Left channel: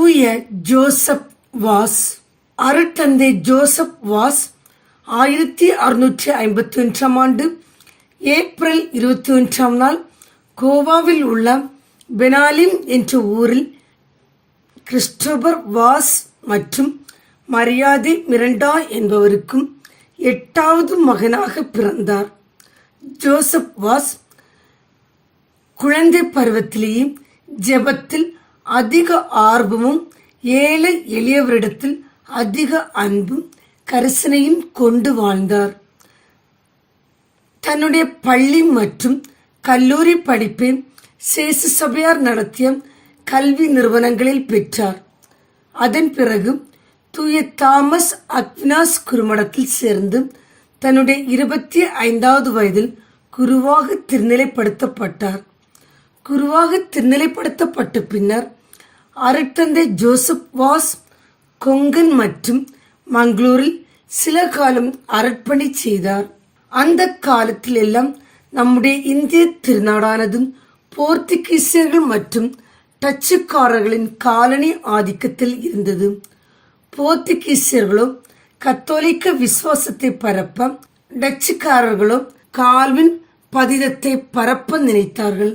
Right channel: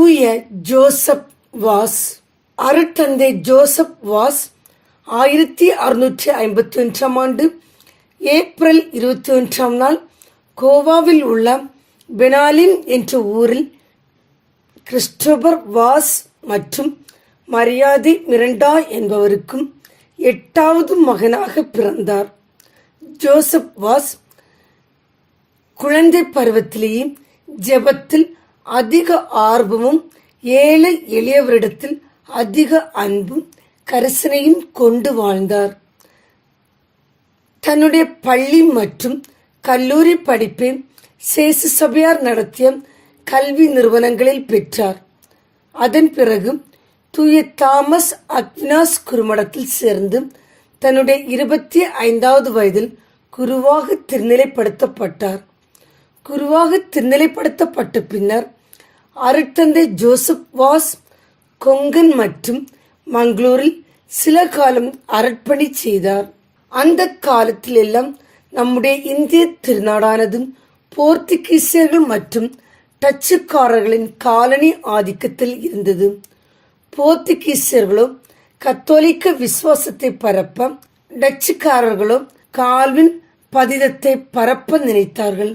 தூய Joseph was அருட்தந்தை Joseph was ஆயிரத்தி அறுநூற்றி ஐம்பத்தி ஒன்றாம் ஆண்டு ஏப்ரல் இருபத்தி ஒன்றாம் நாள் கோவாவில் உள்ள பெனாலிம் என்ற ஊரில் கிறிஸ்டோபர் வாஸ் மற்றும் மரியாதை மிரண்டா என்பவருக்கும் எட்டாவது மகனாக பிறந்தார். ஜோசப் வாஸ் குழந்தை பருவத்திலேயே ஜெபத்தில் அதிக ஆர்வமும் ஏழை எளியவரிடத்தில் அதிக அன்பும் கரிசனையும் கொண்டு வாழ்ந்தார். தன்னுடைய பள்ளி மற்றும் கல்லூரி படிப்பை சேசு சபையார் நடத்திய கல்வி நிறுவனங்களில் பெற்றார். அதன் பிறகு தூய தாமஸ் அக்னாஸ் குருமடத்தில் சேர்ந்து தன்னுடைய இருபத்தி ஐந்தாவது வயதில் குருவாக திருநிலைப்படுத்தப்பட்டார். குருவாக திருநிலைப்படுத்தப்பட்ட பின்னர் அருட்தந்தை ஜோசப் வாஸ் கொங்கன் மற்றும் மங்களூரில் சில காலம் அரட்பணி செய்தார். அந்த காலத்தில் எல்லாம் நம்முடைய இந்திய திருநாடானது போர்த்துகீசியர்கள் மற்றும் டச்சுக்காரர்களின் காலனி ஆதிக்கத்தில் இருந்தது. போர்த்துகீசியர்களோ கத்தோலிக்க விசுவாசத்தை பரப்ப டச்சுக்காரர்களோ கால்வின் பதிதத்தை பரப்ப நினைத்தார்கள்.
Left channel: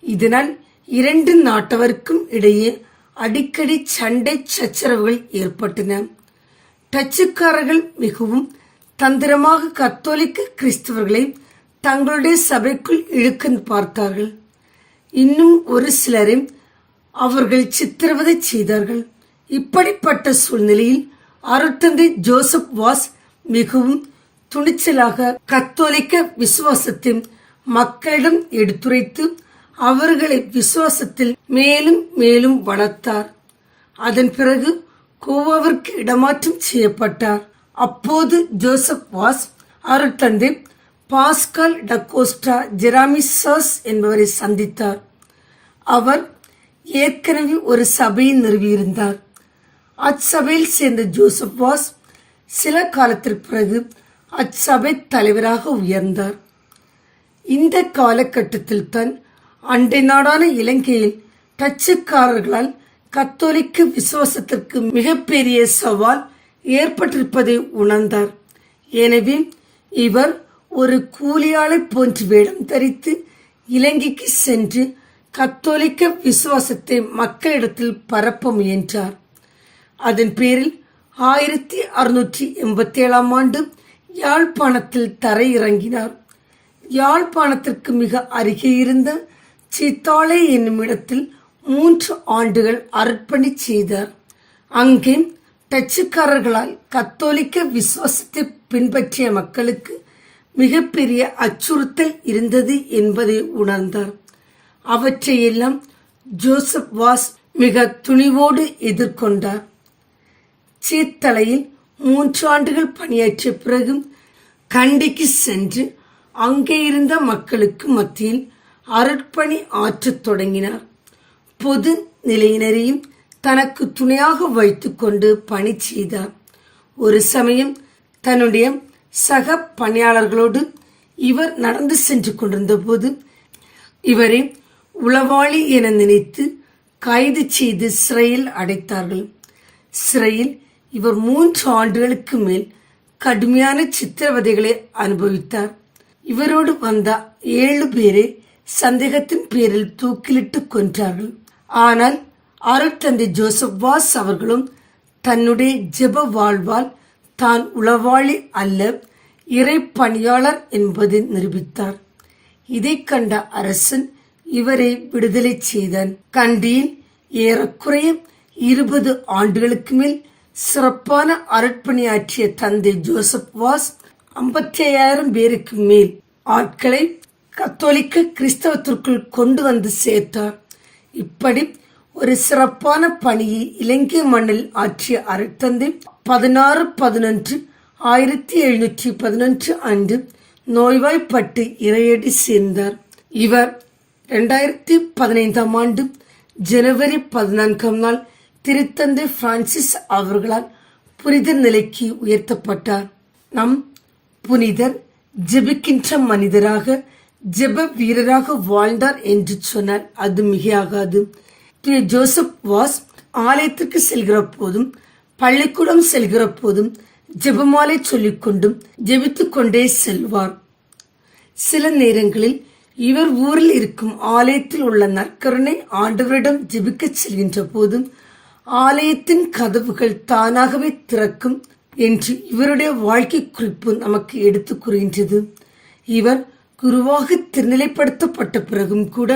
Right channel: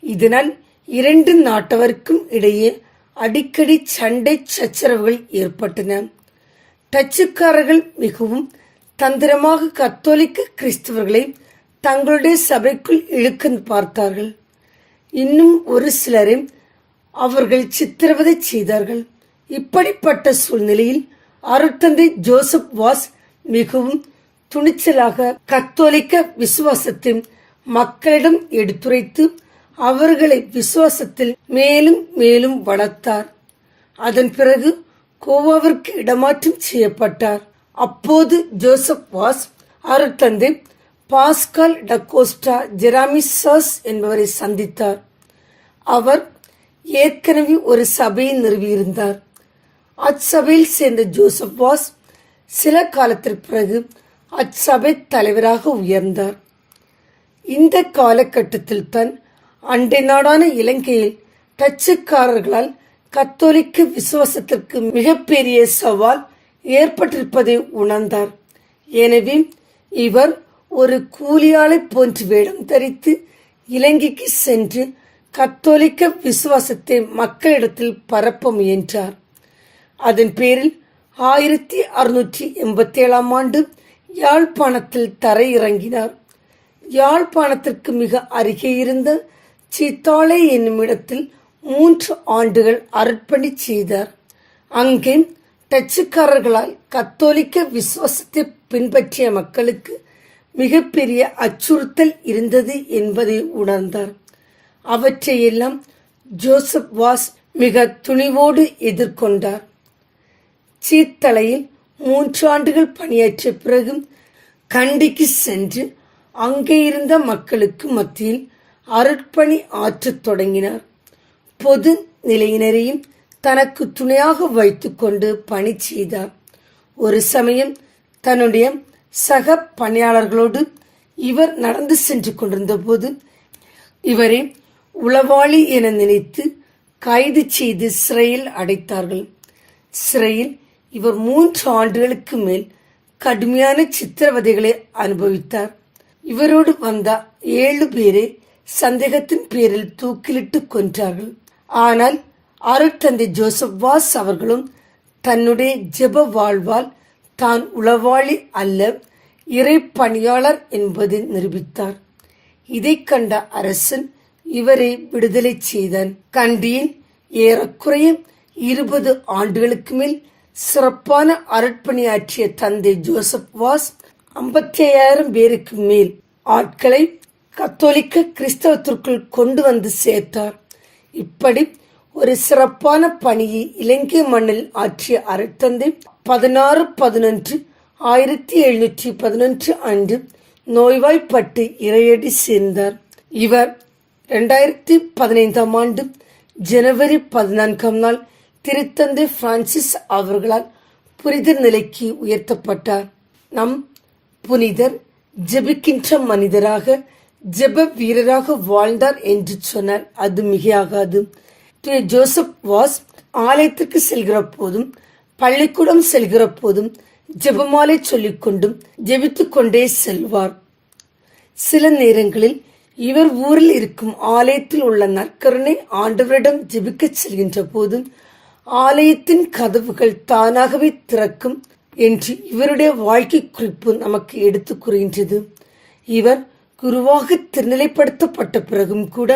இதனால் இரண்டு நாட்டவருக்கும் இடையே அடிக்கடி சண்டை சச்சரவுகள் ஏற்பட்டன. டச்சுக்காரர்கள் மிகவும் தந்திரமாக கத்தோலிக்க கிறிஸ்தவர்களை தங்களுடைய சபைக்குள் இழுக்க பார்த்தார்கள். இன்னும் ஒரு சிலரை அவர்கள் சித்திரவதை செய்தார்கள். இப்படிப்பட்ட சூழ்நிலையில் அருட்தந்தை ஜோசப் வாஸ் மிகவும் துணிச்சலாக கத்தோலிக்க விசுவாசத்தை மக்களிடம் எடுத்துரைத்து அவர்களை விசுவாசத்தில் மேலும் மேலும் வளர்த்தார். அதன் பிறகு கோவாவிற்கு இடமாற்றம் செய்யப்பட்டார். அப்போது ஜோசப் வாஸ் அருட்தந்தை பாஸ்கால் டக்கோஸ்டா ஜெராமிசஸ் என்பவரை சந்தித்தார். அவர் ஏற்கனவே ஒரு சபையை நிறுவியிருந்தார். அச்சபையில் சேர்ந்த ஜோசப் வாஸ் சில காலத்திற்கு பிறகு அச்சபை தலைவராக உயர்ந்தார். இந்த காலகட்டத்தில் தான் அண்டை நாடான இலங்கையில் டச்சுக்காரர்களால் கத்தோலிக்க விசுவாசத்திற்கு மிகப்பெரிய சவால் ஏற்பட்டிருப்பதை உணர்ந்தார். எனவே இவர் ஒரு கூலியாளை போன்று வேடம் தரித்து இலங்கைக்கு சென்று கத்தோலிக்க விசுவாசத்தை மக்களிடத்தில் பரப்ப முயன்றார். அதன் பேரில் ஆயிரத்தி அறுநூற்றி எண்பத்தி ஏழாம் ஆண்டு யாழ்ப்பாணத்தில் தரையிறங்கினார். யாழ்ப்பாணத்திற்கு மிக அருகே இருந்த சீத்தாளை என்னுமிடத்தில் மூன்று ஆண்டுகள் அர்ப்பணி செய்தார். அங்கே டச்சுக்காரர்களால் கத்தோலிக்க விசுவாசத்தை பின்பற்றிய மக்களுக்கு மிகப்பெரிய அச்சுறுத்தல் இருந்தது என்பதை உணர்ந்தார். அவற்றையெல்லாம் ஜோசப் வாஸ் மிக துணிவோடு எதிர்கொண்டார். சீத்தலையில் மூன்று ஆண்டுகள் பணியாற்றிய பிறகு கண்டிக்கு சென்று அங்கே இருந்த மக்களுக்கு மத்தியில் அருட்பணி ஆற்றத் தொடங்கினார். பொது நிலையினரையும் தனக்கு துணையாக வைத்துக்கொண்டு பணி செய்தார். ஒரு சமயம் தன்னுடைய சக பணியாளர்களோடு இவர் நடந்து சென்று கொண்டிருந்த போது இவரை உளவாளி என நினைத்து கைது செய்து சிறையில் அடைத்தார்கள். சிறையில் இவர் மூன்று ஆண்டுகளுக்கு மேல் கடுமையான சித்திரவதைகளை அனுபவித்தார். இவரோடு வந்த ஏழு பேரை சந்தேகத்தின் பேரில் தூக்கிலிட்டு கொன்றார்கள். ஆனால் அருட்தந்தை ஜோசப் வாஸ் அவர்களும் தன்னுடைய ஜெப வாழ்வால் தான் உளவாளி அல்ல இறை பணியாளர் என்பதை நிரூபித்தார். இதை கண்ட அரசன் இவரை விடுதலை செய்தான். கண்டியின் ஏறக்குறைய இருபது ஆண்டுகளுக்கு மேல் சிறப்பான அருட்பணியாற்றிய தந்தை ஜோசப் வாஸ் ஐம்பத்தி ஐயாயிரம் பேருக்கு மேல் ஆட்களை கத்தோலிக்க கிறிஸ்தவத்திற்குள் கொண்டு வந்து சேர்த்தார். இப்படி ஒரு சிறப்பான பணியை இலங்கை மண்ணில் ஆற்றிய அருட்தந்தை பதினாறு பதினொன்று ஆயிரத்தி எழுநூற்றி பதினொன்று அன்று நோய்வாய்ப்பட்டு இறையடி சேர்ந்தார். இவர் இரண்டாயிரத்தி பதினைந்தாம் ஆண்டு ஜனவரி பதினான்காம் நாள் திருத்தந்தை பிரான்சிஸ் அவர்களால் புனித நிலைக்கு உயர்த்தப்பட்டார். நம் புனிதர் ஜெபிக்கின்ற மனிதராக ஜெப வீரராக வாழ்ந்தார் என்று சொன்னார். அது மிகையாகாது. திரு ஜோசப் வாஸ் ஆலயத்திற்கு செல்கிற போதும் பள்ளிக்கூடம் செல்கிற போதும் ஜெபமாலை சொல்லிக்கொண்டும் ஜெபித்துக் கொண்டே செல்வார். சில நேரங்களில் இவர் ஊரில் இருக்கும் ஆலயத்தில் உள்ள நற்கருணை ஆண்டவரிடம் ஜெபிக்கச் செல்கின்ற போதும் ஆலயத்தின் கதவுகள் தானாகவே திறக்கும் என்று இவருடைய வாழ்க்கை குறிப்பு நமக்கு எடுத்து கூறுகின்றது. இவர் குருவாக திருநிலைப்படுத்தப்பட்ட பிறகும் கூட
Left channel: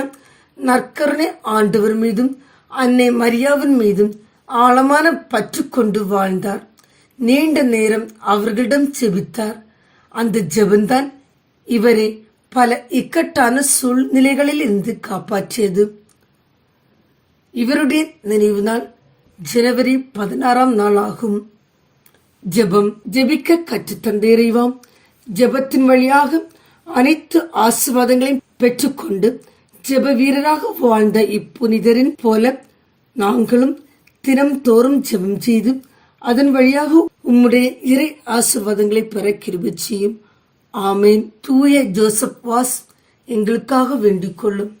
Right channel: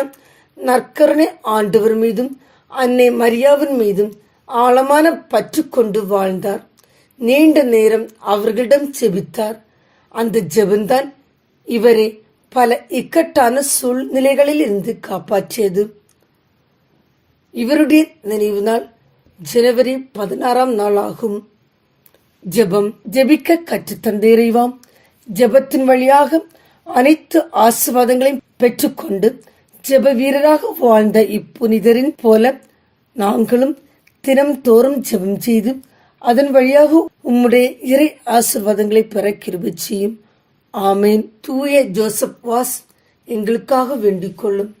நற்கருணை ஆண்டவர் மீதும் அன்னை மரியாவின் மீதும் ஆழமான பற்று கொண்டு வாழ்ந்தார். நீண்ட நேரம் அவர்களிடம் செபித்தார் அந்த ஜெபந்தான் இவரை பல இக்கட்டான சூழ்நிலைகளில் இருந்து காப்பாற்றியது. இவருடைய நினைவு நாள் ஜனவரி பதினாறாம் நாள் ஆகும். ஜெபம் ஜெபிக்க கற்றுத்தந்த இறைவாம் ஜெபத்தின் வழியாக அனைத்து ஆசிர்வாதங்களையும் பெற்றுக்கொண்டு ஜெப வீரராக வாழ்ந்த இப்புனிதரின் போல நாங்களும் தினம்தோறும் ஜெபம் செய்து அதன் வழியாக உம்முடைய இறை ஆசிர்வாதங்களை பெற கிருபை செய்யும். ஆமேன். தூய ஜோசப் வாஸ் எங்களுக்காக வேண்டிக் கொள்ளும்.